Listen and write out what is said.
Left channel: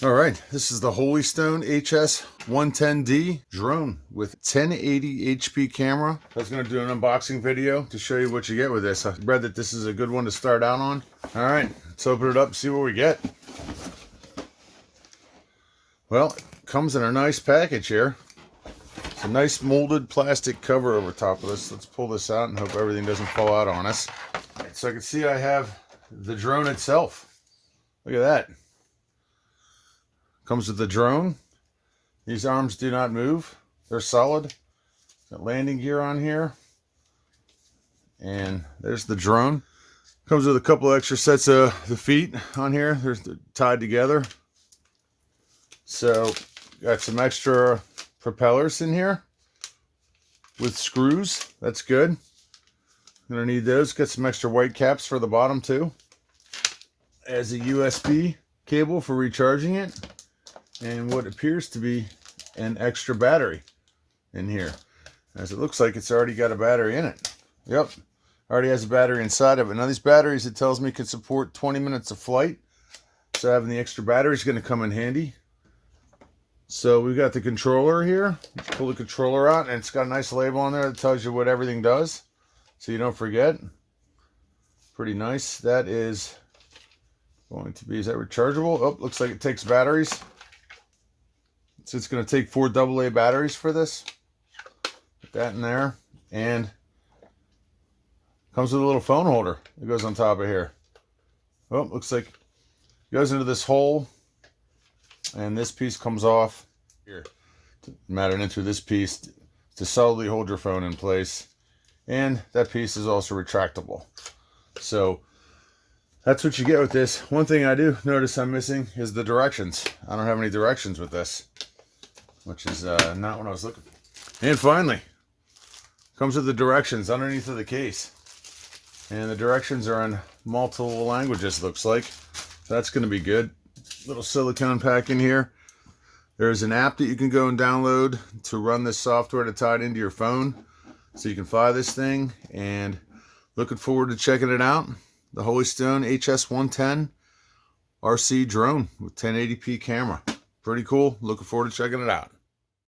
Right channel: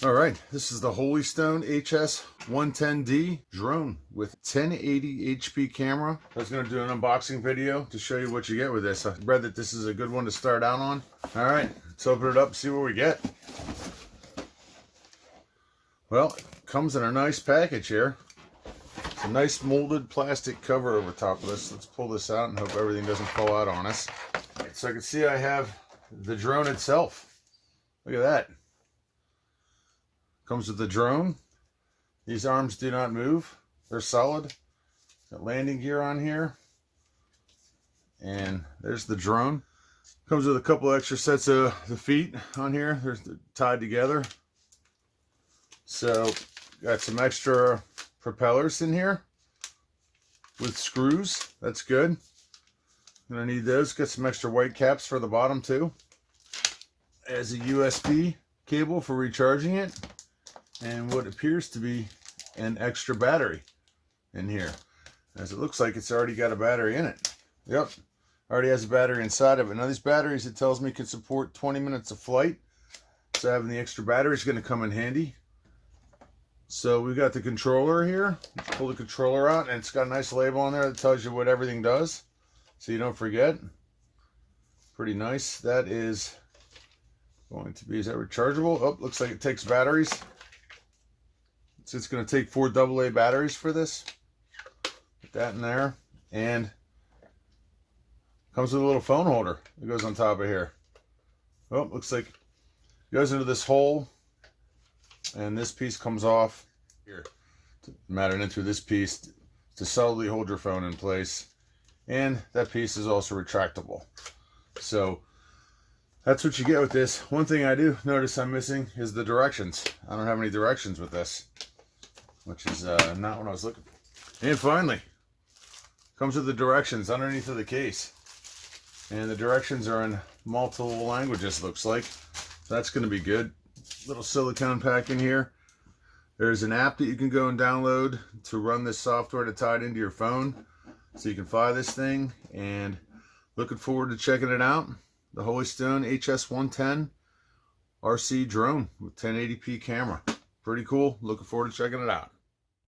All right, this is the Holystone HS110D drone with 1080 HP camera. I was going to do an unboxing video to show you what you get with this. I read that this is a good one to start out on. All right, let's open it up and see what we get. Well, it comes in a nice package here. It's a nice molded plastic cover over top of this. Let's pull this out and hope everything doesn't fall out on us. All right, so I can see I have the drone itself. Look at that. Comes with the drone. These arms do not move. They're solid. Got landing gear on here. And there's the drone. Comes with a couple extra sets of the feet on here. They're tied together. So got some extra propellers in here with screws. That's good. Gonna need those. Get some extra white caps for the bottom too. As a USB cable for recharging it. And what appears to be an extra battery in here, as it looks like it's already got a battery in it. Yep, already has a battery inside of it. Now these batteries, it tells me, can support 20 minutes of flight, so having the extra battery is going to come in handy. So we've got the controller here. Let's pull the controller out, and it's got a nice label on there that tells you what everything does, so you don't forget. Pretty nice. That is going to be, is that rechargeable? Oh, looks like it takes batteries. So it's going to take 4 AA batteries for this. Put that in there. And comes with a little phone holder that goes on top of here. Oh, looks like it goes into this hole. And this piece comes off here. Mounted into this piece to solidly hold your phone in place. And that piece is also retractable. So that's what you get with this. One thing I do notice I'm missing is the directions. I don't have any directions with this, which is not what I was looking for. And finally, comes with the directions underneath of the case. And the directions are in multiple languages, looks like. That's going to be good. Little silicone pack in here. There's an app that you can go and download to run this software to tie it into your phone. So you can fly this thing, and looking forward to checking it out. The Holystone HS110 RC drone with 1080p camera. Pretty cool. Looking forward to checking it out.